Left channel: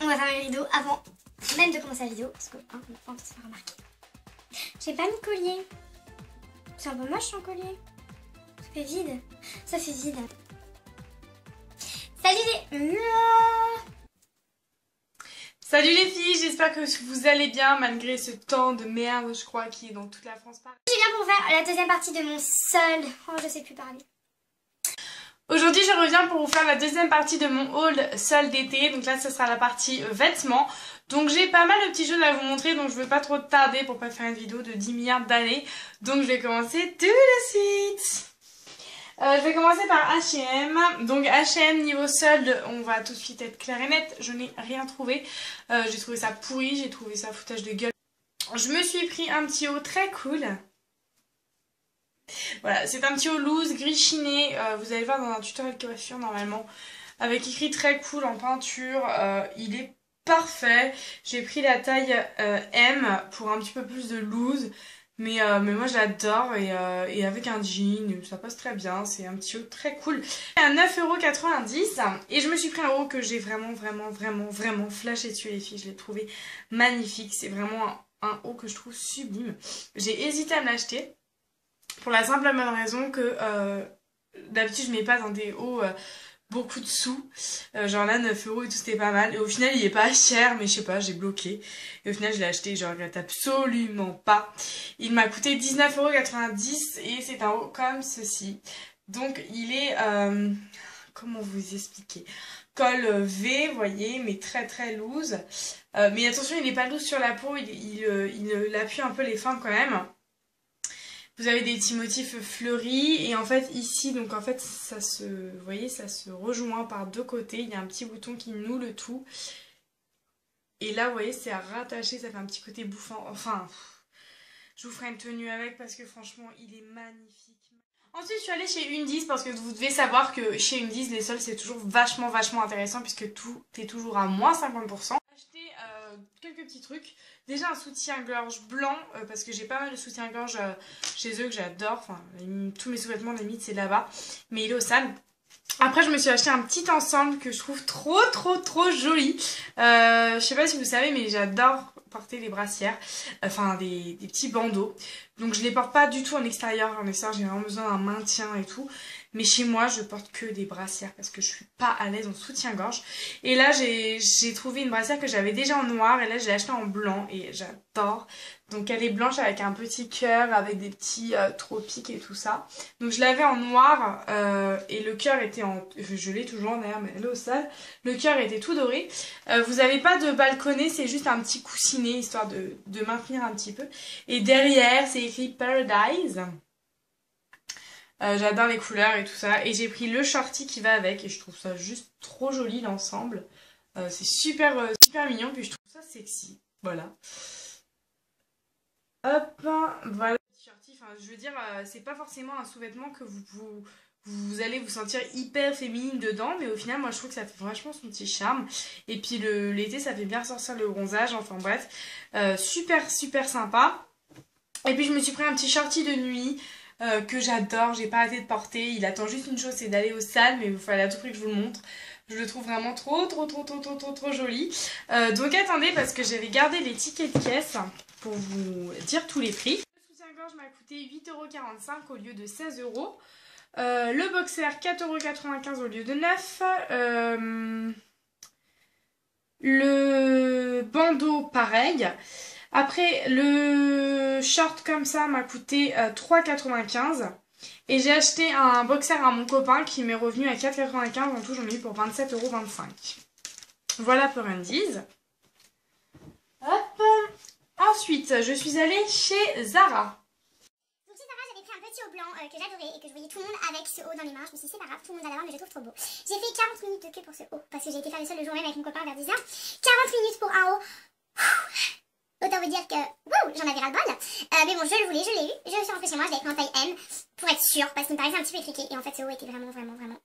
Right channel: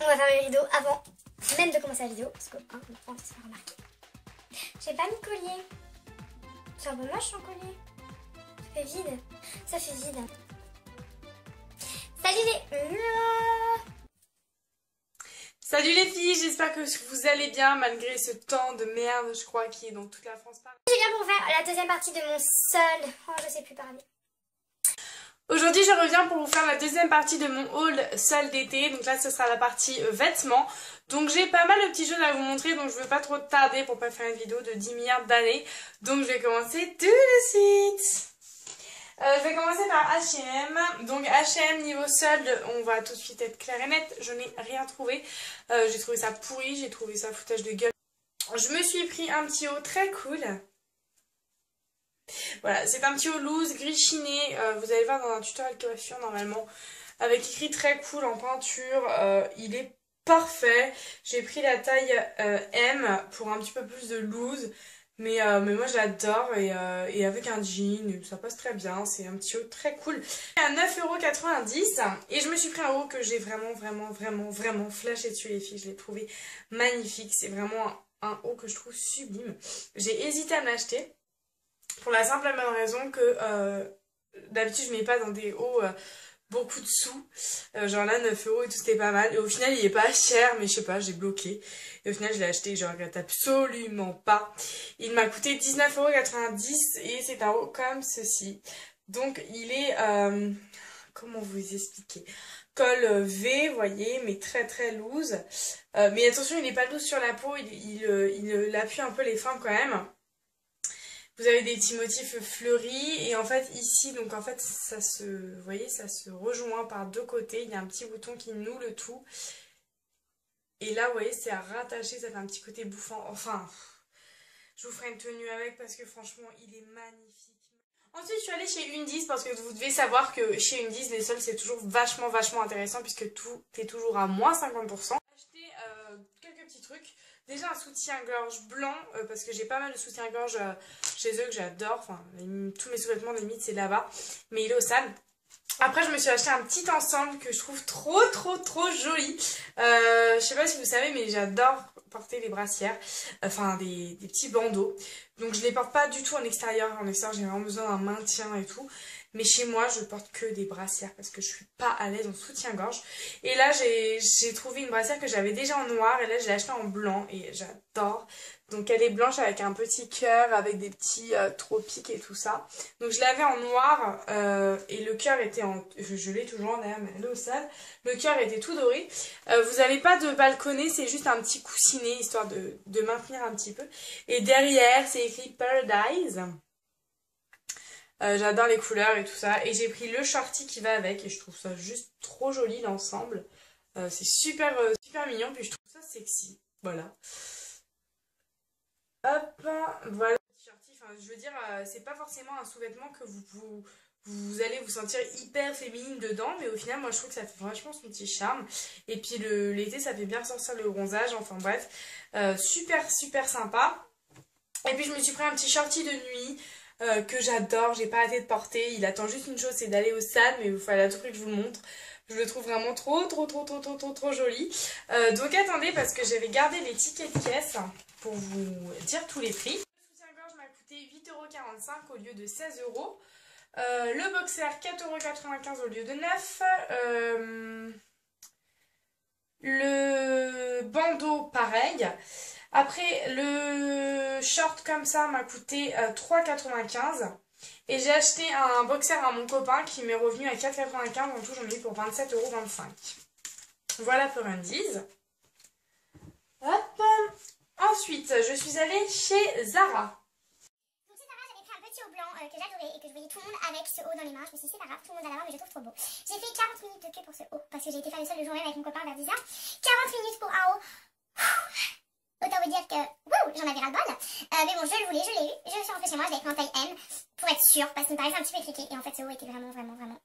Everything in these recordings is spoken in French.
On va faire le rideau avant même de commencer la vidéo. Parce que, on n'a pas envie de se faire remarquer. J'ai pas mis de collier. C'est un peu moche sans collier. Ça fait vide. Ça fait vide. Salut les... Salut les filles, j'espère que vous allez bien malgré ce temps de merde, je crois, qui est dans toute la France. Je viens pour faire la deuxième partie de mon seul... Oh, je sais plus parler. Aujourd'hui, je reviens pour vous faire la deuxième partie de mon haul sol d'été. Donc là, ce sera la partie vêtements. Donc j'ai pas mal de petites choses à vous montrer, donc je veux pas trop tarder pour pas faire une vidéo de 10 milliards d'années. Donc je vais commencer tout de suite. Je vais commencer par H&M. Donc H&M niveau solde, on va tout de suite être clair et net. Je n'ai rien trouvé. J'ai trouvé ça pourri, j'ai trouvé ça foutage de gueule. Je me suis pris un petit haut très cool. Voilà, c'est un petit haut loose, gris chiné. Vous allez voir dans un tutoriel coiffure normalement. Avec écrit très cool en peinture. Il est parfait. J'ai pris la taille M pour un petit peu plus de loose. Mais moi j'adore et avec un jean, ça passe très bien, c'est un petit haut très cool. À 9,90 € et je me suis pris un haut que j'ai vraiment flashé dessus les filles, je l'ai trouvé magnifique, c'est vraiment un haut que je trouve sublime. J'ai hésité à me l'acheter pour la simple et bonne raison que d'habitude je mets pas dans des hauts... beaucoup de sous, genre là 9 € et tout c'était pas mal et au final il est pas cher mais je sais pas j'ai bloqué et au final je l'ai acheté, je regrette absolument pas. Il m'a coûté 19,90 € et c'est un haut comme ceci, donc il est comment vous expliquer, col V vous voyez mais très loose, mais attention il n'est pas loose sur la peau, il appuie un peu les fins quand même. Vous avez des petits motifs fleuris et en fait ici donc en fait ça se, vous voyez, ça se rejoint par deux côtés, il y a un petit bouton qui noue le tout et là vous voyez c'est à rattacher, ça fait un petit côté bouffant, enfin je vous ferai une tenue avec parce que franchement il est magnifique. Ensuite je suis allée chez Undies parce que vous devez savoir que chez Undies les soldes c'est toujours vachement intéressant puisque tout est toujours à moins 50%. J'ai acheté quelques petits trucs. Déjà un soutien-gorge blanc, parce que j'ai pas mal de soutien-gorge chez eux que j'adore. Enfin, tous mes sous-vêtements limite c'est là-bas. Mais il est au sale. Après je me suis acheté un petit ensemble que je trouve trop joli. Je sais pas si vous savez mais j'adore porter les brassières. Enfin des petits bandeaux. Donc je les porte pas du tout en extérieur. En extérieur j'ai vraiment besoin d'un maintien et tout. Mais chez moi, je porte que des brassières parce que je suis pas à l'aise en soutien-gorge. Et là, j'ai trouvé une brassière que j'avais déjà en noir et là, je l'ai achetée en blanc et j'adore. Donc elle est blanche avec un petit cœur, avec des petits tropiques et tout ça. Donc je l'avais en noir et le cœur était en... Je l'ai toujours d'ailleurs, mais elle est au sale. Le cœur était tout doré. Vous n'avez pas de balconnet, c'est juste un petit coussinet histoire de maintenir un petit peu. Et derrière, c'est écrit Paradise. J'adore les couleurs et tout ça. Et j'ai pris le shorty qui va avec. Et je trouve ça juste trop joli l'ensemble. C'est super mignon. Puis je trouve ça sexy. Voilà. Hop. Voilà. Shorty, enfin, je veux dire, c'est pas forcément un sous-vêtement que vous allez vous sentir hyper féminine dedans. Mais au final, moi je trouve que ça fait vachement son petit charme. Et puis l'été, ça fait bien ressortir le bronzage. Enfin bref. Super sympa. Et puis je me suis pris un petit shorty de nuit. Que j'adore, j'ai pas arrêté de porter. Il attend juste une chose, c'est d'aller au sale, mais il fallait à tout prix que je vous le montre. Je le trouve vraiment trop joli. Donc attendez, parce que j'avais gardé les tickets de caisse pour vous dire tous les prix. Le soutien-gorge m'a coûté 8,45 € au lieu de 16 €. Le boxer 4,95 € au lieu de 9 €. Le bandeau pareil. Après, le short comme ça m'a coûté 3,95 €. Et j'ai acheté un boxer à mon copain qui m'est revenu à 4,95 €. En tout, j'en ai eu pour 27,25 €. Voilà pour Undies. Hop. Ensuite, je suis allée chez Zara. Donc chez Zara, j'avais pris un petit haut blanc que j'adorais et que je voyais tout le monde avec ce haut dans les mains. Je me suis dit c'est pas grave, tout le monde va l'avoir mais je le trouve trop beau. J'ai fait 40 minutes de queue pour ce haut parce que j'ai été faire le sol le jour même avec mon copain vers 10 h. 40 minutes pour un haut. Autant vous dire que j'en avais ras-le-bol. Mais bon, je le voulais, je l'ai eu. Je suis rentrée chez moi, je l'avais pris en taille M pour être sûre parce qu'il me paraissait un petit peu étriqué. Et en fait, ce haut était vraiment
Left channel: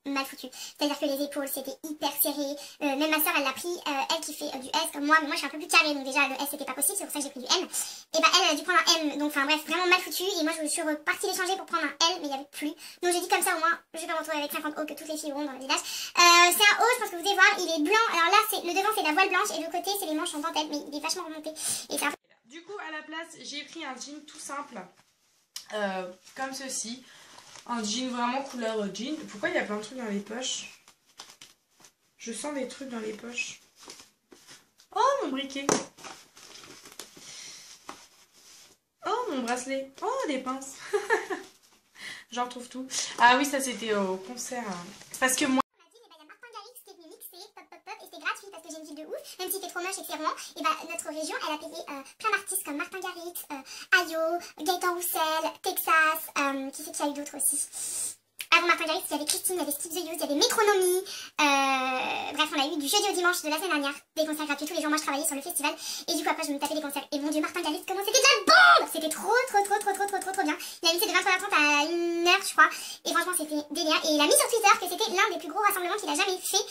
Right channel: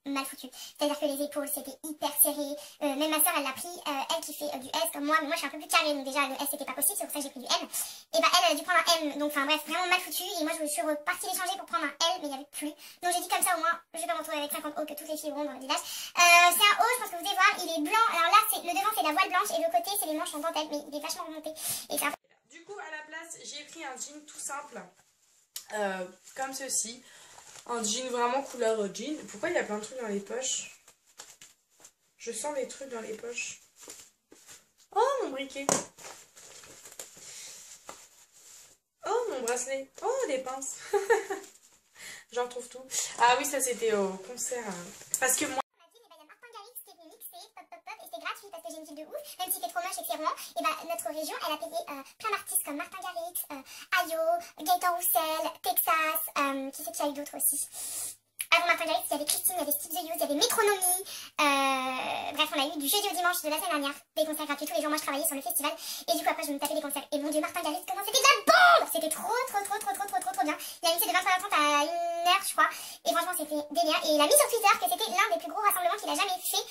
mal foutu. C'est-à-dire que les épaules, c'était hyper serré. même ma soeur elle l'a pris, elle qui fait du S comme moi, mais moi je suis un peu plus carrée, donc déjà le S c'était pas possible, c'est pour ça que j'ai pris du M. Et bah elle a dû prendre un M, donc enfin bref, vraiment mal foutu. Et moi je suis repartie l'échanger pour prendre un L, mais il n'y avait plus. Donc j'ai dit comme ça au moins, je vais pas me retrouver avec 50 O que toutes les filles auront dans le village. C'est un O, je pense que vous devez voir, il est blanc. Alors là, le devant c'est la voile blanche et le côté c'est les manches en dentelle, mais il est vachement remonté. Et c'est un peu... Du coup, à la place, j'ai pris un jean tout simple, comme ceci. Un jean vraiment couleur jean. Pourquoi il y a plein de trucs dans les poches? Je sens des trucs dans les poches. Oh, mon briquet. Oh, mon bracelet. Oh, des pinces. J'en retrouve tout. Ah oui, ça c'était au concert. Parce que moi... Et c'était gratuit parce que j'ai une ville de ouf, même si c'était trop moche et que c'est rond, et bah notre région elle a payé plein d'artistes comme Martin Garrix, Ayo, Gaëtan Roussel, Texas, qui c'est qu'il y a eu d'autres aussi. Avant Martin Garrix, il y avait Christine, il y avait Steve The Youth, il y avait Métronomie, bref on a eu du jeudi au dimanche de la semaine dernière, des concerts gratuits tous les jours, moi je travaillais sur le festival, et du coup après je me tapais des concerts, et mon dieu Martin Garrix, comment c'était de la bombe. C'était trop bien, il a mixé de 23h30 à 1h je crois, et franchement c'était délire, et il a mis sur Twitter que c'était l'un des plus gros rassemblements qu'il a jamais fait,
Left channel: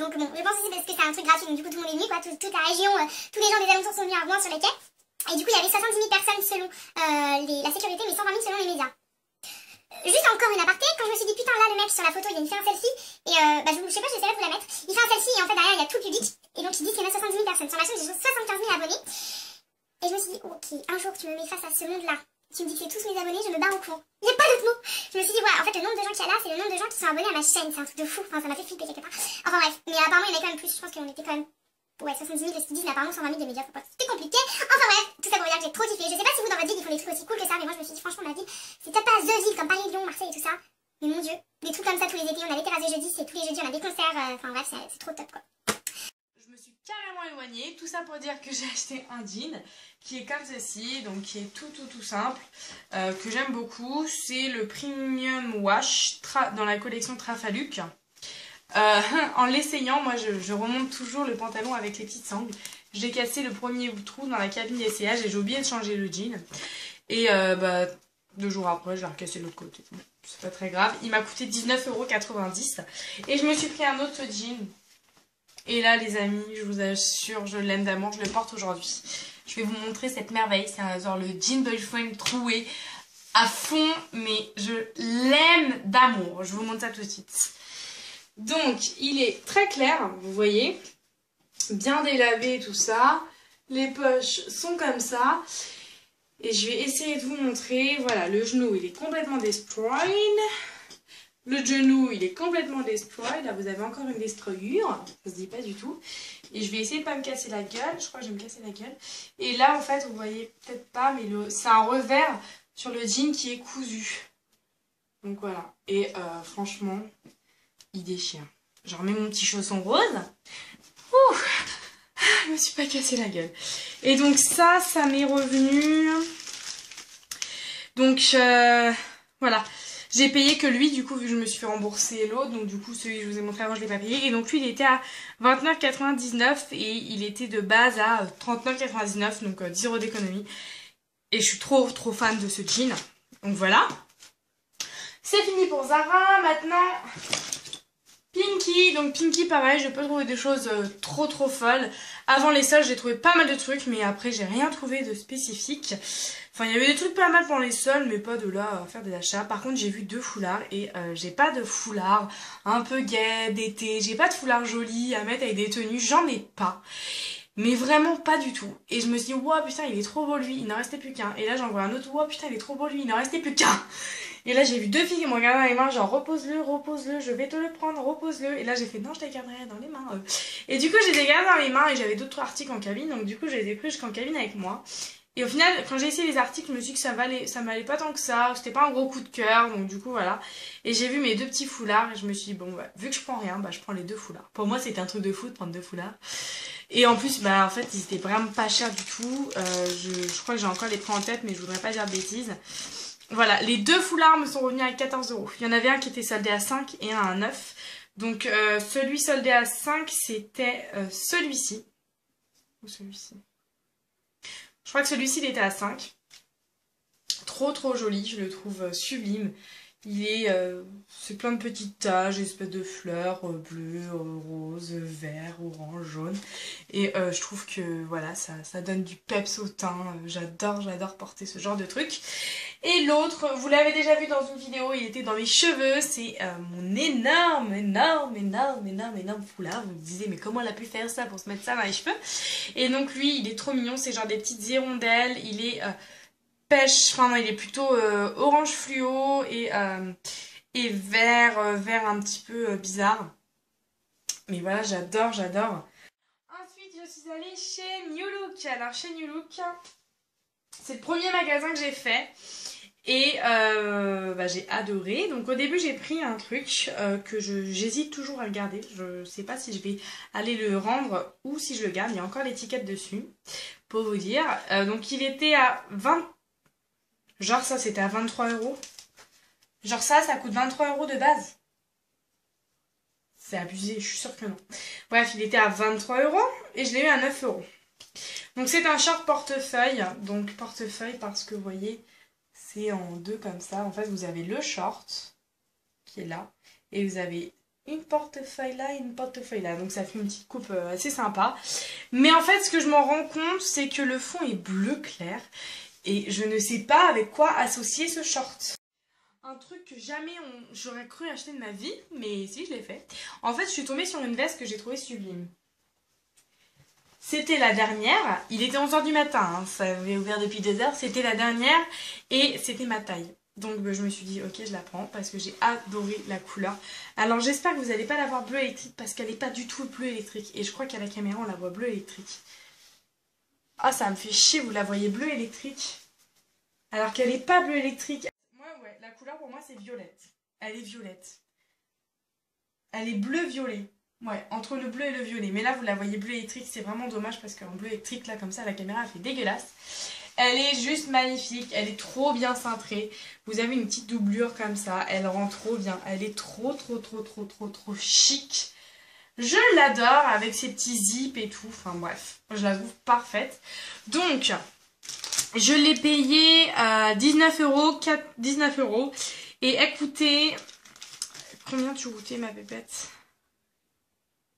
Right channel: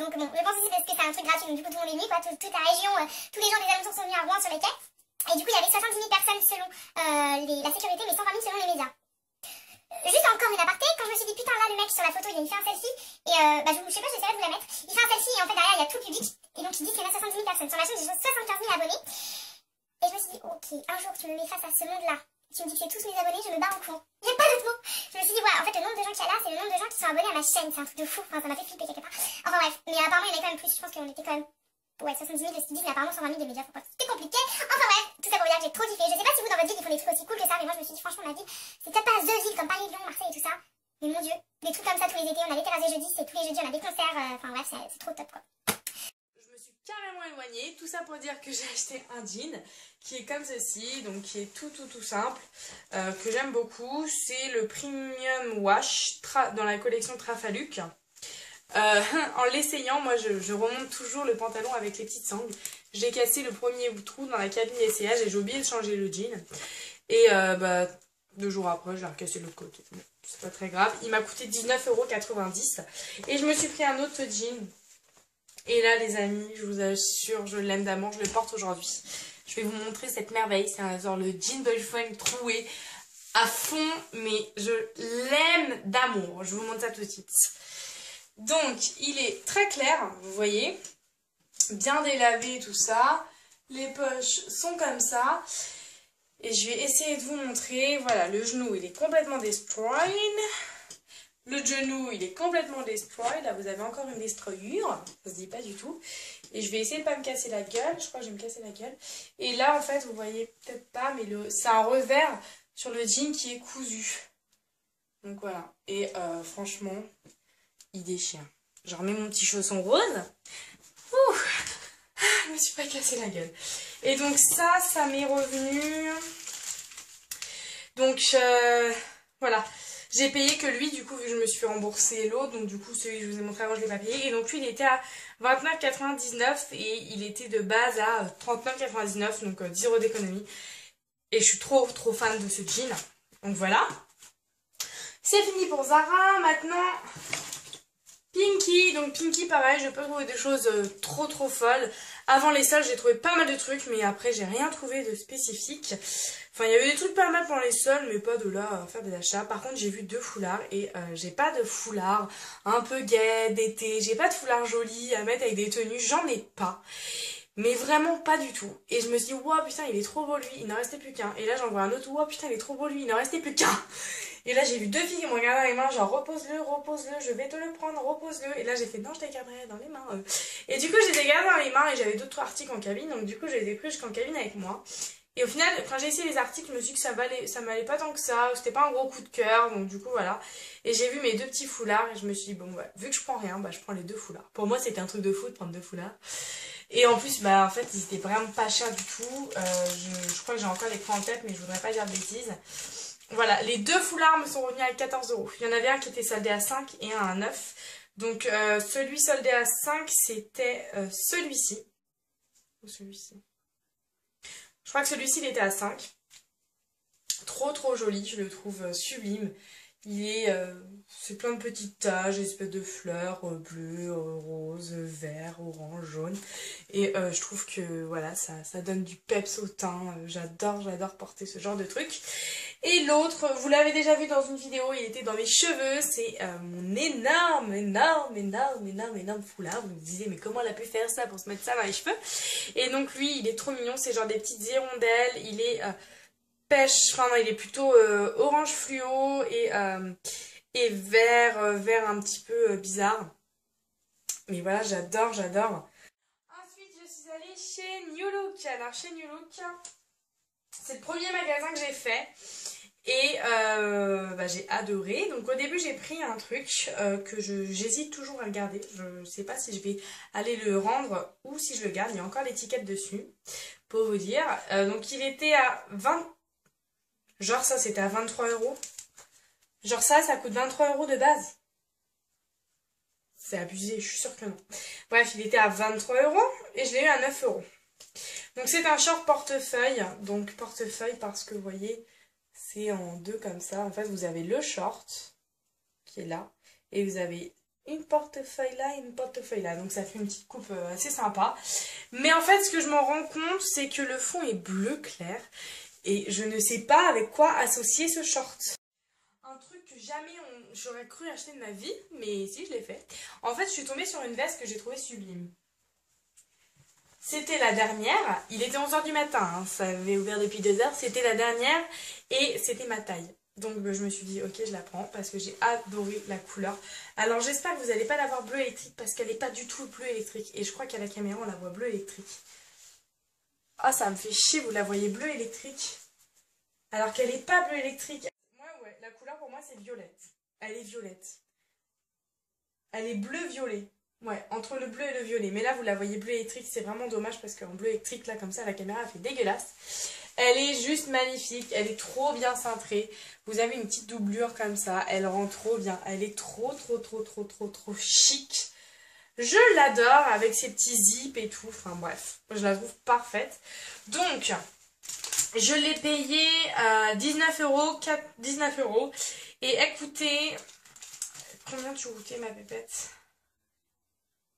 donc bon, je pense aussi parce que c'est un truc gratuit, donc du coup tout le monde est venu quoi, toute la région, tous les gens des alentours sont venus à Rouen sur les quais, et du coup il y avait 70 000 personnes selon la sécurité, mais 120 000 selon les médias. Juste encore une aparté, quand je me suis dit putain là le mec sur la photo il fait un selfie et bah je sais pas, j'essaierai de vous la mettre, il fait un selfie et en fait derrière il y a tout le public et donc il dit qu'il y en a 70 000 personnes, sur ma chaîne j'ai 75 000 abonnés et je me suis dit ok, un jour tu me mets face à ce monde là, tu me dis que c'est tous mes abonnés, je me barre au courant, il n'y a pas d'autre mot. Je me suis dit ouais en fait le nombre de gens qu'il y a là c'est le nombre de gens qui sont abonnés à ma chaîne, c'est un truc de fou, enfin ça m'a fait flipper quelque part, enfin bref, mais apparemment il y en a quand même plus, je pense qu'on était quand même... Ouais, 70 000 de ce qu'ils disent, mais apparemment 120 000 des médias, faut pas... C'était compliqué. Enfin bref, tout ça pour vous dire que j'ai trop kiffé. Je sais pas si vous dans votre ville ils font des trucs aussi cool que ça, mais moi je me suis dit franchement ma ville, c'est peut-être pas The Ville comme Paris, Lyon, Marseille et tout ça. Mais mon dieu, des trucs comme ça tous les étés, on a les terrasses jeudi, c'est tous les jeudis, on a des concerts, enfin bref, c'est trop top quoi. Je me suis carrément éloignée. Tout ça pour dire que j'ai acheté un jean qui est comme ceci, donc qui est tout simple, que j'aime beaucoup. C'est le Premium Wash dans la collection Trafaluc. En l'essayant, moi je remonte toujours le pantalon avec les petites sangles. J'ai cassé le premier trou dans la cabine d'essayage et j'ai oublié de changer le jean. Et bah 2 jours après, je l'ai recassé de l'autre côté. Bon, c'est pas très grave. Il m'a coûté 19,90 €. Et je me suis pris un autre jean. Et là les amis, je vous assure, je l'aime d'amour, je le porte aujourd'hui. Je vais vous montrer cette merveille. C'est genre le jean boyfriend troué à fond, mais je l'aime d'amour. Je vous montre ça tout de suite. Donc, il est très clair, vous voyez, bien délavé tout ça. Les poches sont comme ça. Et je vais essayer de vous montrer. Voilà, le genou, il est complètement destroyed. Le genou, il est complètement destroyed. Là, vous avez encore une destroyure. Ça se dit pas du tout. Et je vais essayer de pas me casser la gueule. Je crois que je vais me casser la gueule. Et là, en fait, vous voyez peut-être pas, mais c'est un revers sur le jean qui est cousu. Donc voilà. Et franchement... il déchire. Je remets mon petit chausson rose. Ouh, je me suis pas cassé la gueule. Et donc ça m'est revenu. Donc voilà. J'ai payé que lui, du coup, vu que je me suis fait rembourser l'autre. Donc du coup, celui que je vous ai montré avant, je l'ai pas payé. Et donc lui, il était à 29,99 € et il était de base à 39,99 €. Donc 10 € d'économie. Et je suis trop fan de ce jean. Donc voilà. C'est fini pour Zara. Maintenant... Pinky, donc Pinky pareil, je peux trouver des choses trop folles. Avant les soldes j'ai trouvé pas mal de trucs, mais après j'ai rien trouvé de spécifique. Enfin il y avait des trucs pas mal pendant les soldes, mais pas de là à faire des achats. Par contre j'ai vu 2 foulards et j'ai pas de foulard un peu gai d'été, j'ai pas de foulard joli à mettre avec des tenues, j'en ai pas. Mais vraiment pas du tout. Et je me suis dit, wow putain il est trop beau lui, il n'en restait plus qu'un. Et là j'en vois un autre, wow putain il est trop beau lui, il n'en restait plus qu'un. Et là j'ai vu 2 filles qui m'ont regardé dans les mains, genre repose-le, je vais te le prendre, repose-le. Et là j'ai fait non, je les garderai dans les mains. Et du coup j'ai les gardés dans les mains et j'avais d'autres articles en cabine, donc du coup je les ai pris jusqu'en cabine avec moi. Et au final quand j'ai essayé les articles, je me suis dit que ça m'allait pas tant que ça, c'était pas un gros coup de cœur, donc du coup voilà. Et j'ai vu mes 2 petits foulards et je me suis dit bon bah vu que je prends rien, bah je prends les 2 foulards. Pour moi c'était un truc de fou de prendre 2 foulards. Et en plus bah en fait ils étaient vraiment pas chers du tout, je crois que j'ai encore les prix en tête mais je voudrais pas dire de bêtises. Voilà, les 2 foulards me sont revenus à 14 €. Il y en avait un qui était soldé à 5 et un à 9. Donc celui soldé à 5 c'était celui-ci. Ou celui-ci. Je crois que celui-ci il était à 5. Trop joli, je le trouve sublime. Il est, c'est plein de petites taches, espèces de fleurs bleues, roses, vert, orange, jaune. Et je trouve que voilà, ça donne du peps au teint. J'adore porter ce genre de truc. Et l'autre, vous l'avez déjà vu dans une vidéo, il était dans mes cheveux. C'est mon énorme foulard. Vous me disiez, mais comment elle a pu faire ça pour se mettre ça dans les cheveux? Et donc lui, il est trop mignon. C'est genre des petites hirondelles. Il est pêche, enfin non, il est plutôt orange fluo et vert un petit peu bizarre. Mais voilà, j'adore. Ensuite, je suis allée chez New Look. Alors, chez New Look, c'est le premier magasin que j'ai fait. Et j'ai adoré. Donc, au début, j'ai pris un truc que j'hésite toujours à le garder. Je sais pas si je vais aller le rendre ou si je le garde. Il y a encore l'étiquette dessus, pour vous dire. Donc, il était à 20... Genre, ça, c'était à 23 €. Genre, ça coûte 23 € de base. C'est abusé, je suis sûre que non. Bref, il était à 23 € et je l'ai eu à 9 €. Donc c'est un short portefeuille. Donc portefeuille parce que vous voyez, c'est en deux comme ça. En fait, vous avez le short qui est là. Et vous avez une portefeuille là et une portefeuille là. Donc ça fait une petite coupe assez sympa. Mais en fait, ce que je m'en rends compte, c'est que le fond est bleu clair. Et je ne sais pas avec quoi associer ce short. Un truc que jamais j'aurais cru acheter de ma vie, mais si, je l'ai fait. En fait, je suis tombée sur une veste que j'ai trouvée sublime. C'était la dernière, il était 11 h du matin, hein, ça avait ouvert depuis 2 heures, c'était la dernière et c'était ma taille. Donc je me suis dit, ok, je la prends parce que j'ai adoré la couleur. Alors j'espère que vous n'allez pas la voir bleu électrique parce qu'elle n'est pas du tout bleu électrique. Et je crois qu'à la caméra, on la voit bleu électrique. Ah, ça me fait chier, vous la voyez bleu électrique alors qu'elle n'est pas bleu électrique. Ouais, la couleur pour moi c'est violette. Elle est violette. Elle est bleu-violet. Ouais, entre le bleu et le violet. Mais là, vous la voyez bleu électrique, c'est vraiment dommage parce qu'en bleu électrique, là, comme ça, la caméra, elle fait dégueulasse. Elle est juste magnifique, elle est trop bien cintrée. Vous avez une petite doublure comme ça, elle rend trop bien. Elle est trop chic. Je l'adore avec ses petits zips et tout. Enfin bref, je la trouve parfaite. Donc, je l'ai payée à 19 €, 19 €. Et écoutez, combien tu coûtais ma pépette?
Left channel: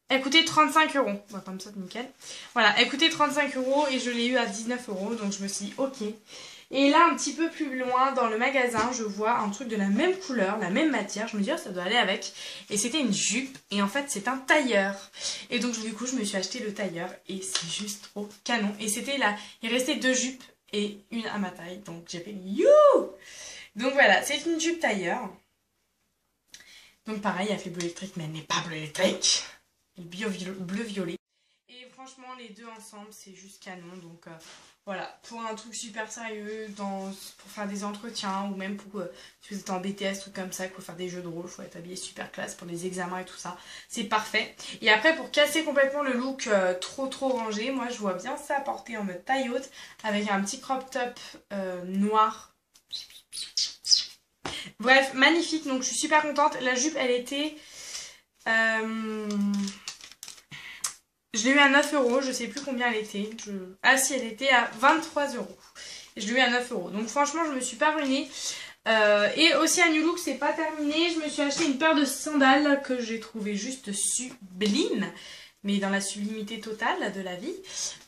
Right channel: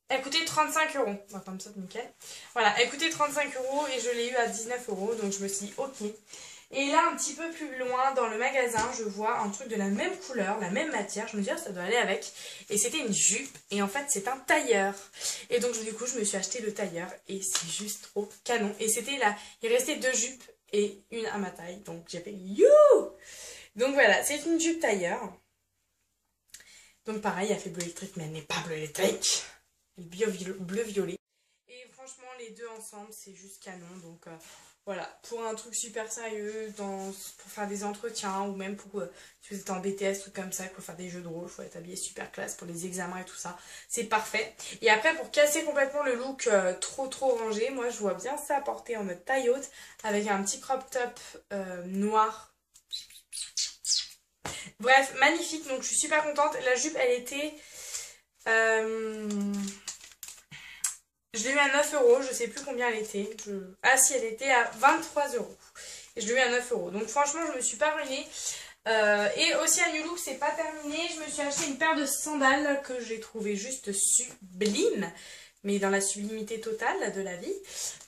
Elle coûtait 35 €. On va comme ça, nickel. Voilà, elle coûtait 35 € et je l'ai eu à 19 €. Donc je me suis dit, ok. Et là, un petit peu plus loin dans le magasin, je vois un truc de la même couleur, la même matière. Je me dis, oh, ça doit aller avec. Et c'était une jupe. Et en fait, c'est un tailleur. Et donc, du coup, je me suis acheté le tailleur. Et c'est juste trop canon. Et c'était là. Il restait 2 jupes et une à ma taille. Donc, j'ai fait you. Donc voilà, c'est une jupe tailleur. Donc pareil, elle fait bleu électrique, mais elle n'est pas bleu électrique. Bleu-violet. Et franchement, les deux ensemble, c'est juste canon. Donc voilà, pour un truc super sérieux, pour faire des entretiens, ou même pour si vous êtes en BTS, tout comme ça, qu'il faut faire des jeux de rôle, il faut être habillé super classe pour les examens et tout ça. C'est parfait. Et après, pour casser complètement le look trop rangé, moi je vois bien ça porté en mode taille haute, avec un petit crop top noir. Bref, magnifique, donc je suis super contente. La jupe, elle était... je l'ai eu à 9 €, je sais plus combien elle était. Ah si, elle était à 23 €. Et je l'ai eu à 9 €. Donc franchement, je me suis pas ruinée. Et aussi à New Look, c'est pas terminé. Je me suis acheté une paire de sandales que j'ai trouvé juste sublime. Mais dans la sublimité totale de la vie.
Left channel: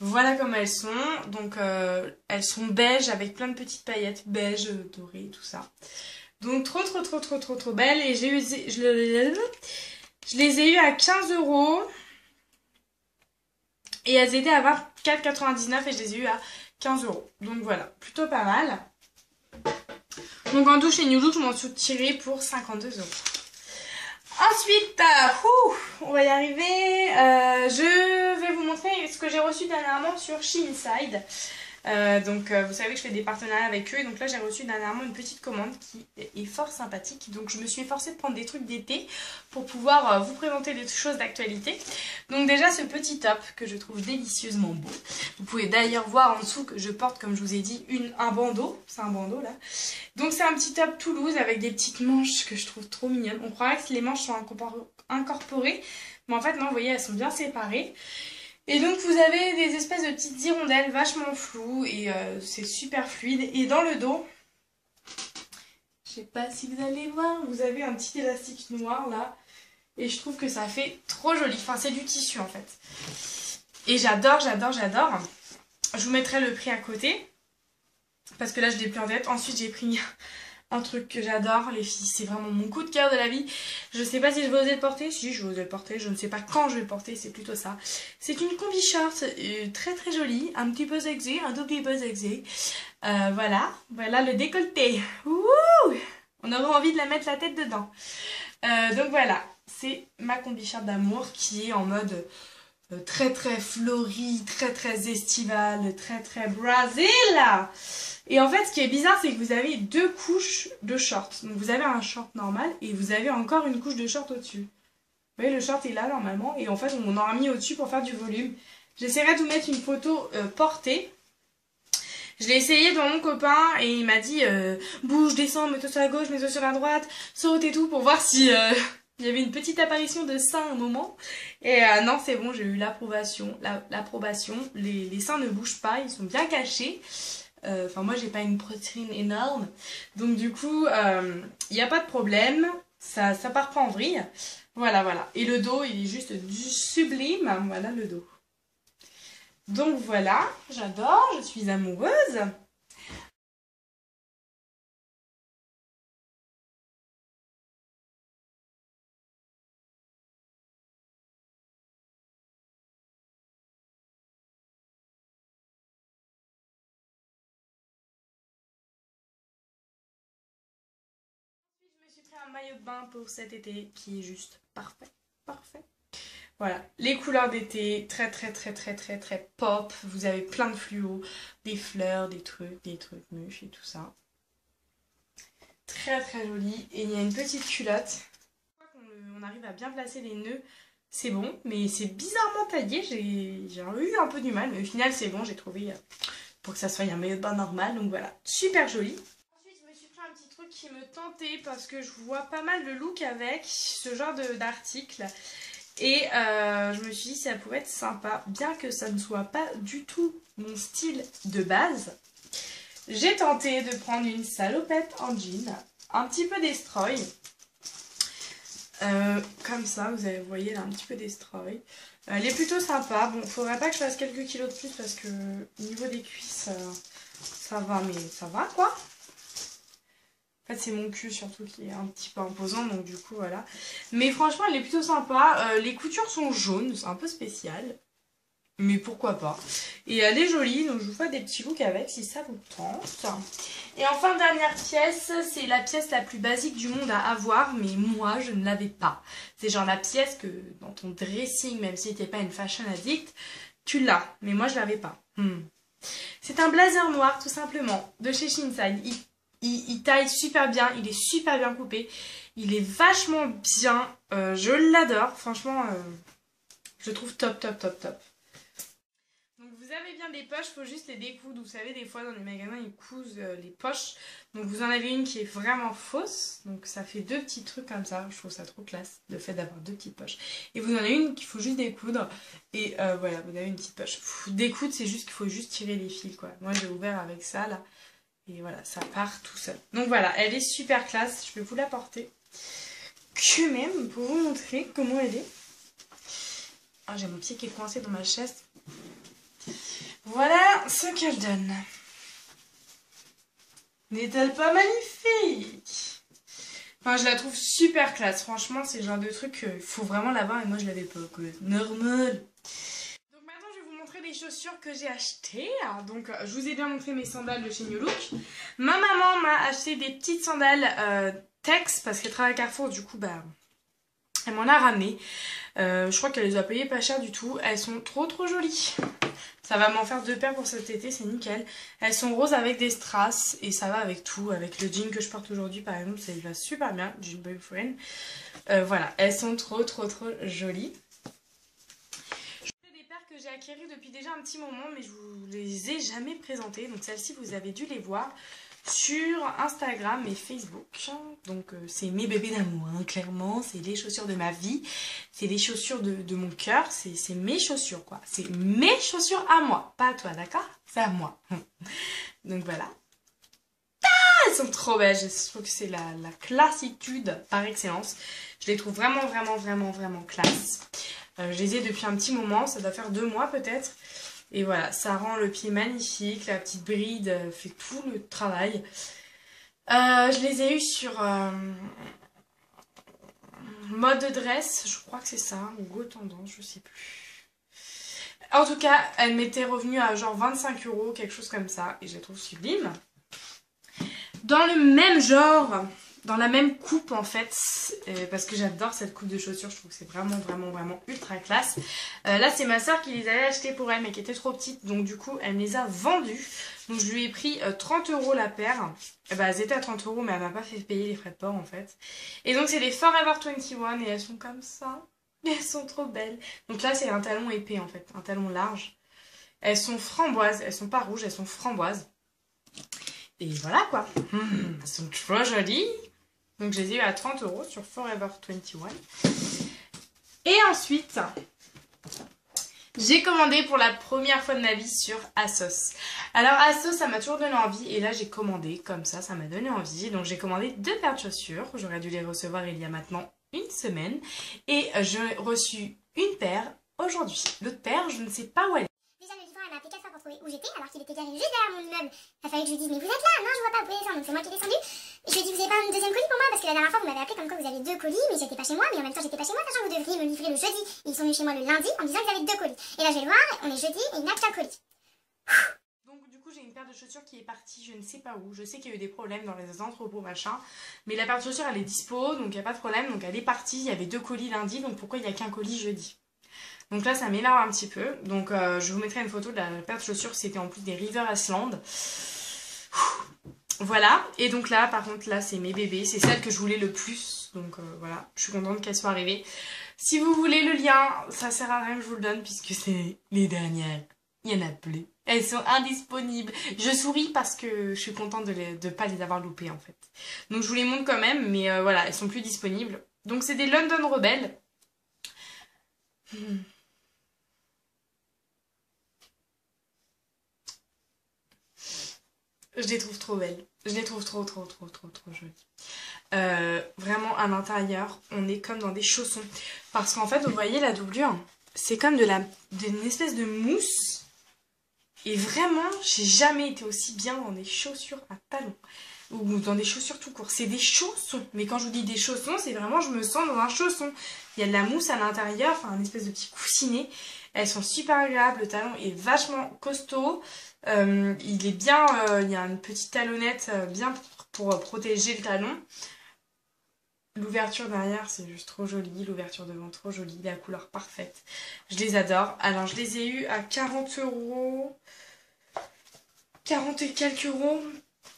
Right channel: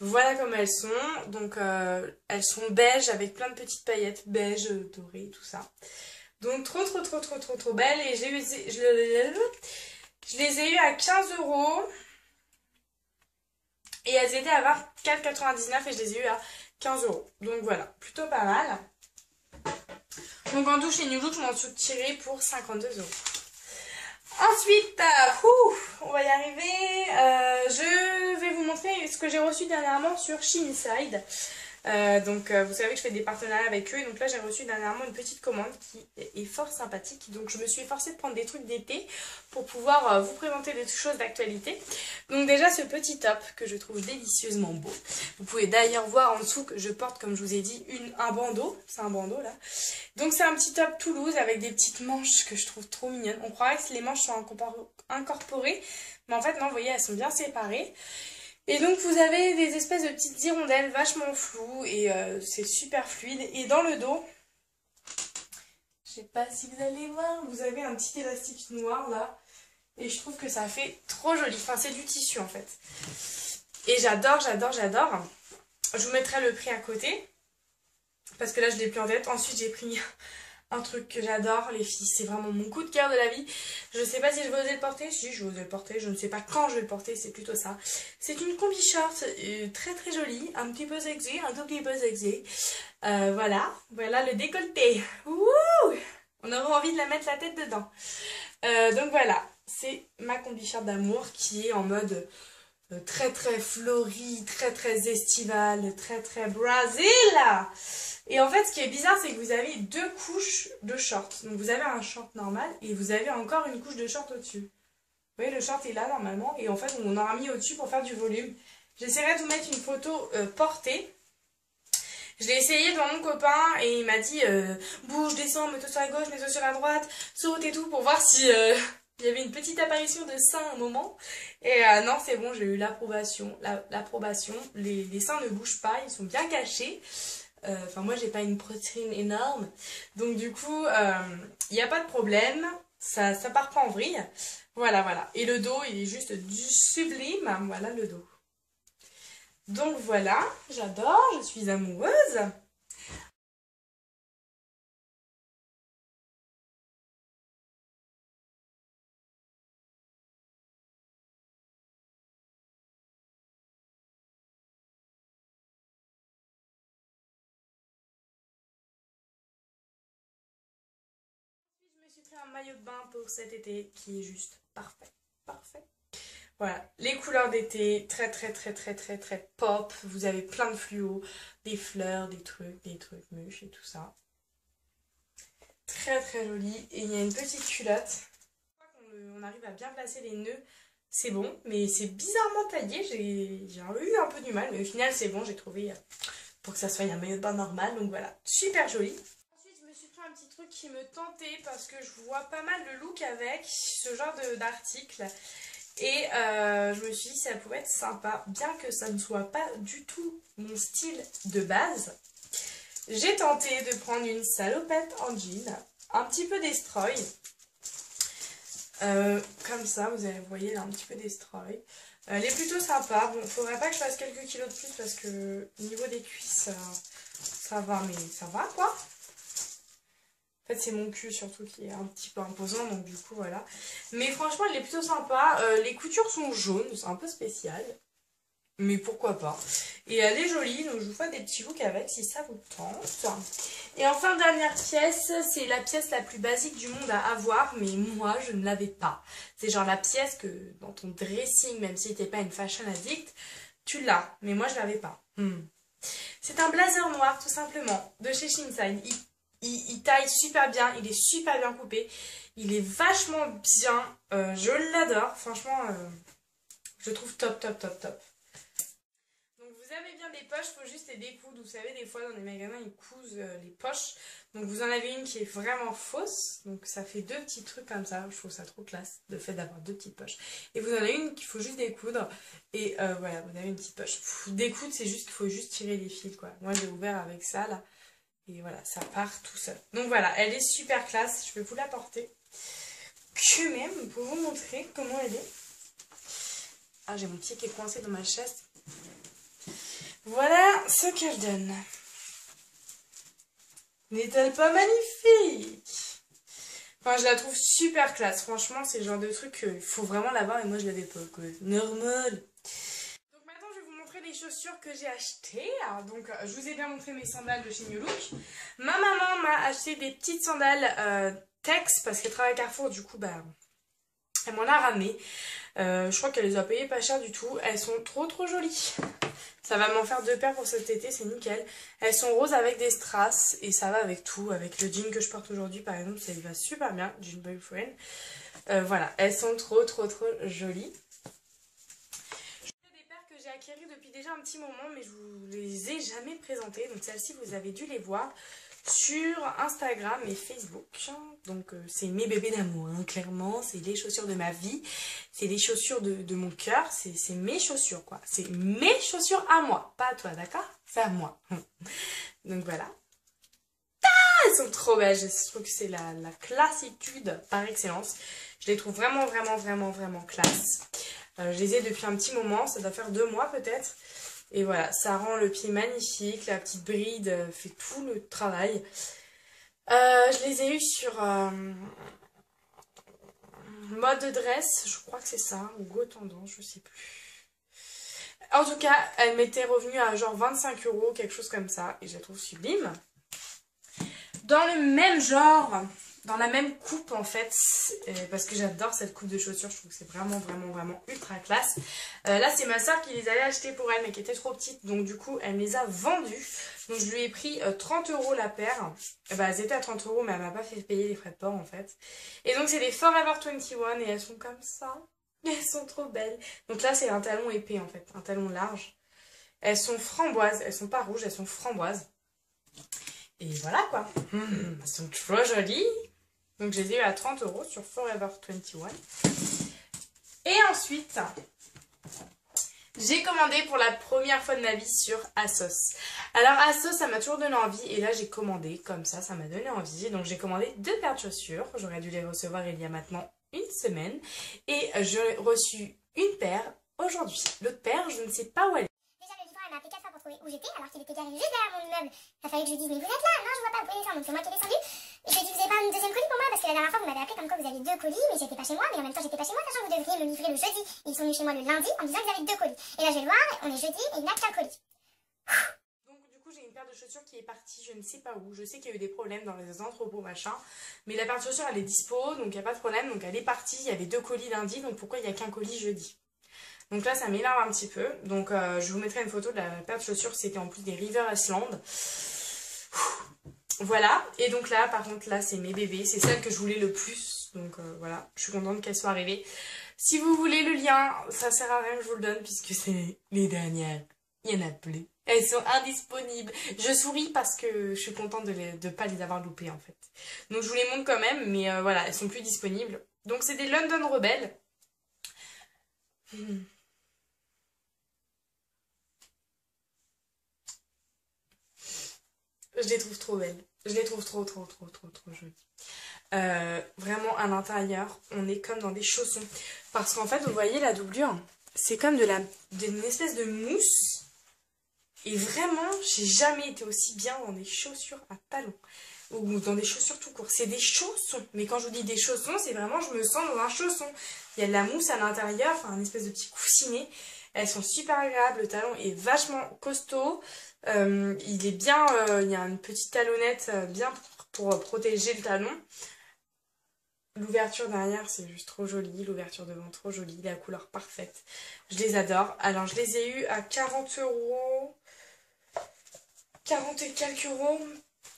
Voilà comment elles sont. Donc elles sont beige avec plein de petites paillettes beige, dorées, tout ça. Donc trop belles. Et je les ai eues à 15 €. Et elles étaient à 24,99 € et je les ai eues à 15 €. Donc voilà, plutôt pas mal. Donc en tout, chez New Look, je m'en suis tirée pour 52 €. Ensuite, on va y arriver. Je vais vous montrer ce que j'ai reçu dernièrement sur Shein-Side. Donc vous savez que je fais des partenariats avec eux. Donc là j'ai reçu dernièrement une petite commande qui est fort sympathique. Donc je me suis forcée de prendre des trucs d'été pour pouvoir vous présenter des choses d'actualité. Donc déjà ce petit top que je trouve délicieusement beau. Vous pouvez d'ailleurs voir en dessous que je porte, comme je vous ai dit, un bandeau. C'est un bandeau là. Donc c'est un petit top Toulouse avec des petites manches que je trouve trop mignonnes. On croirait que les manches sont incorporées. Mais en fait non, vous voyez, elles sont bien séparées. Et donc vous avez des espèces de petites hirondelles vachement floues et c'est super fluide. Et dans le dos, je sais pas si vous allez voir, vous avez un petit élastique noir là. Et je trouve que ça fait trop joli. Enfin, c'est du tissu en fait. Et j'adore, j'adore, j'adore. Je vous mettrai le prix à côté. Parce que là, je l'ai plus en tête. Ensuite, j'ai pris un truc que j'adore, les filles. C'est vraiment mon coup de cœur de la vie. Je sais pas si je vais oser le porter. Si, je vais oser le porter. Je ne sais pas quand je vais le porter. C'est plutôt ça. C'est une combi short très très jolie. Un petit peu sexy, un tout petit peu sexy. Voilà. Voilà le décolleté. Wouh! On aurait envie de la mettre la tête dedans. Donc voilà. C'est ma combi short d'amour qui est en mode très très fleuri, très très estival, très très Brésil. Et en fait, ce qui est bizarre, c'est que vous avez deux couches de shorts. Donc vous avez un short normal et vous avez encore une couche de short au-dessus. Vous voyez, le short est là normalement et en fait, on en a mis au-dessus pour faire du volume. J'essaierai de vous mettre une photo portée. Je l'ai essayé devant mon copain et il m'a dit bouge, descends, mets-toi sur la gauche, mets-toi sur la droite, saute et tout pour voir si il y avait une petite apparition de seins à un moment. Et non, c'est bon, j'ai eu l'approbation. L'approbation. Les seins ne bougent pas, ils sont bien cachés. Enfin, moi, j'ai pas une poitrine énorme. Donc, du coup, il n'y a pas de problème. Ça part pas en vrille. Voilà, voilà. Et le dos, il est juste du sublime. Voilà le dos. Donc, voilà. J'adore. Je suis amoureuse. Je me suis pris un maillot de bain pour cet été qui est juste parfait. Parfait. Voilà, les couleurs d'été, très très très très très très pop. Vous avez plein de fluos, des fleurs, des trucs mûches et tout ça. Très très joli. Et il y a une petite culotte. On arrive à bien placer les nœuds, c'est bon. Mais c'est bizarrement taillé, j'ai eu un peu du mal. Mais au final c'est bon, j'ai trouvé pour que ça soit un maillot de bain normal. Donc voilà, super joli. Ensuite je me suis pris un petit truc qui me tentait parce que je vois pas mal de look avec ce genre d'article. Et je me suis dit ça pouvait être sympa, bien que ça ne soit pas du tout mon style de base. J'ai tenté de prendre une salopette en jean, un petit peu destroy. Comme ça, vous voyez là un petit peu destroy. Elle est plutôt sympa. Bon, faudrait pas que je fasse quelques kilos de plus parce que au niveau des cuisses, ça va, mais ça va quoi. En fait, c'est mon cul surtout qui est un petit peu imposant, donc du coup, voilà. Mais franchement, elle est plutôt sympa. Les coutures sont jaunes, c'est un peu spécial. Mais pourquoi pas. Et elle est jolie, donc je vous fais des petits looks avec si ça vous tente. Et enfin, dernière pièce, c'est la pièce la plus basique du monde à avoir, mais moi, je ne l'avais pas. C'est genre la pièce que dans ton dressing, même si t'es pas une fashion addict, tu l'as. Mais moi, je l'avais pas. C'est un blazer noir, tout simplement, de chez Shein. Il taille super bien, il est super bien coupé, il est vachement bien, je l'adore, franchement, je le trouve top, top, top, top. Donc vous avez bien des poches, il faut juste les découdre, vous savez, des fois dans les magasins ils cousent les poches, donc vous en avez une qui est vraiment fausse, donc ça fait deux petits trucs comme ça, je trouve ça trop classe, le fait d'avoir deux petites poches. Et vous en avez une qu'il faut juste découdre, et voilà, vous avez une petite poche. Découdre, c'est juste qu'il faut juste tirer les fils, quoi. Moi j'ai ouvert avec ça, là. Et voilà, ça part tout seul. Donc voilà, elle est super classe. Je vais vous la porter. Que même, pour vous montrer comment elle est. Ah, j'ai mon pied qui est coincé dans ma chaise. Voilà ce qu'elle donne. N'est-elle pas magnifique? Enfin, je la trouve super classe. Franchement, c'est le genre de truc qu'il faut vraiment l'avoir. Et moi, je l'avais pas. Normal. Les chaussures que j'ai achetées. Donc je vous ai bien montré mes sandales de chez New Look. Ma maman m'a acheté des petites sandales Tex parce qu'elle travaille à Carrefour, du coup bah elle m'en a ramené. Je crois qu'elle les a payées pas cher du tout. Elles sont trop trop jolies. Ça va m'en faire deux paires pour cet été, c'est nickel. Elles sont roses avec des strass et ça va avec tout. Avec le jean que je porte aujourd'hui par exemple, ça va super bien, jean boyfriend. Voilà, elles sont trop trop trop jolies. J'ai acquéri depuis déjà un petit moment, mais je vous les ai jamais présentées. Donc celles-ci, vous avez dû les voir sur Instagram et Facebook. Donc c'est mes bébés d'amour, hein, clairement. C'est les chaussures de ma vie. C'est les chaussures de mon cœur. C'est mes chaussures, quoi. C'est mes chaussures à moi. Pas à toi, d'accord? C'est à moi. Donc voilà. Ah, elles sont trop belles. Je trouve que c'est la classitude par excellence. Je les trouve vraiment, vraiment, vraiment, vraiment classe. Je les ai depuis un petit moment, ça doit faire 2 mois peut-être. Et voilà, ça rend le pied magnifique, la petite bride fait tout le travail. Je les ai eus sur mode dress, je crois que c'est ça, ou Go Tendance, je sais plus. En tout cas, elle m'était revenue à genre 25 €, quelque chose comme ça, et je la trouve sublime. Dans le même genre, dans la même coupe en fait, parce que j'adore cette coupe de chaussures, je trouve que c'est vraiment, vraiment, vraiment ultra classe. Là, c'est ma soeur qui les avait achetées pour elle, mais qui était trop petite, donc du coup, elle me les a vendues. Donc je lui ai pris 30 € la paire. Bah, elles étaient à 30 €, mais elle m'a pas fait payer les frais de port en fait. Et donc, c'est les Forever 21 et elles sont comme ça. Elles sont trop belles. Donc là, c'est un talon épais en fait, un talon large. Elles sont framboises, elles sont pas rouges, elles sont framboises. Et voilà quoi. Elles sont trop jolies. Donc je les ai eu à 30 € sur Forever 21. Et ensuite, j'ai commandé pour la première fois de ma vie sur ASOS. Alors ASOS, ça m'a toujours donné envie. Et là, j'ai commandé comme ça m'a donné envie. Donc j'ai commandé 2 paires de chaussures. J'aurais dû les recevoir il y a maintenant 1 semaine. Et j'ai reçu une paire aujourd'hui. L'autre paire, je ne sais pas où elle est. Déjà, le livreur, elle m'a appelé 4 fois pour trouver où j'étais, alors qu'il était garé juste derrière mon immeuble. Il a fallu que je lui dise, mais vous êtes là? Non, je vois pas, vous pouvez descendre. Donc c'est moi qui ai descendu. Et je lui ai dit, vous avez pas un deuxième colis pour moi? Parce que la dernière fois, vous m'avez appelé comme quoi vous aviez 2 colis, mais j'étais pas chez moi. Mais en même temps, j'étais pas chez moi, sachant que vous devriez me livrer le jeudi. Et ils sont venus chez moi le lundi en me disant que vous avez 2 colis. Et là, je vais le voir, on est jeudi et il n'a qu'un colis. Donc du coup, j'ai une paire de chaussures qui est partie, je ne sais pas où. Je sais qu'il y a eu des problèmes dans les entrepôts, machin. Mais la paire de chaussures, elle est dispo, donc il n'y a pas de problème. Donc elle est partie, il y avait 2 colis lundi, donc pourquoi il n'y a qu'un colis jeudi? Donc là, ça m'énerve un petit peu. Donc je vous mettrai une photo de la paire de chaussures. C'était en plus des River Island. Voilà. Et donc là, par contre, là, c'est mes bébés. C'est celle que je voulais le plus. Donc voilà, je suis contente qu'elle soit arrivée. Si vous voulez le lien, ça sert à rien que je vous le donne puisque c'est les dernières. Il n'y en a plus. Elles sont indisponibles. Je souris parce que je suis contente de ne pas les avoir loupées en fait. Donc je vous les montre quand même. Mais voilà, elles sont plus disponibles. Donc c'est des London Rebels. Je les trouve trop belles. Je les trouve trop jolies. Vraiment, à l'intérieur, on est comme dans des chaussons. Parce qu'en fait, vous voyez la doublure, c'est comme d'une espèce de mousse. Et vraiment, j'ai jamais été aussi bien dans des chaussures à talons. Ou dans des chaussures tout court. C'est des chaussons. Mais quand je vous dis des chaussons, c'est vraiment, je me sens dans un chausson. Il y a de la mousse à l'intérieur, enfin, un espèce de petit coussinet. Elles sont super agréables. Le talon est vachement costaud. Il est bien, il y a une petite talonnette bien pour protéger le talon. L'ouverture derrière, c'est juste trop joli. L'ouverture devant, trop jolie. La couleur parfaite. Je les adore. Alors, je les ai eus à 40 €. 40 et quelques euros.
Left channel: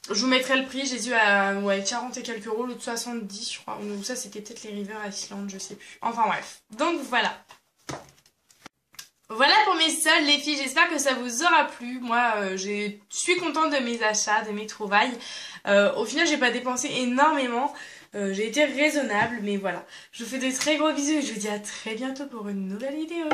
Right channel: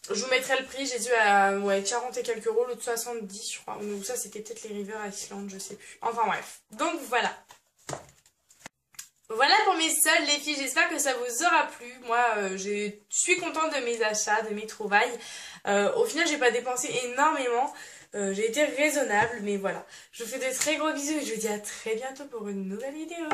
Je vous mettrai le prix. Je les ai eu à 40 et quelques euros. L'autre 70, je crois. Ou ça, c'était peut-être les River Island, je sais plus. Enfin, bref. Donc, voilà. Voilà pour mes soldes les filles, j'espère que ça vous aura plu. Moi je suis contente de mes achats, de mes trouvailles. Au final j'ai pas dépensé énormément, j'ai été raisonnable, mais voilà. Je vous fais de très gros bisous et je vous dis à très bientôt pour une nouvelle vidéo.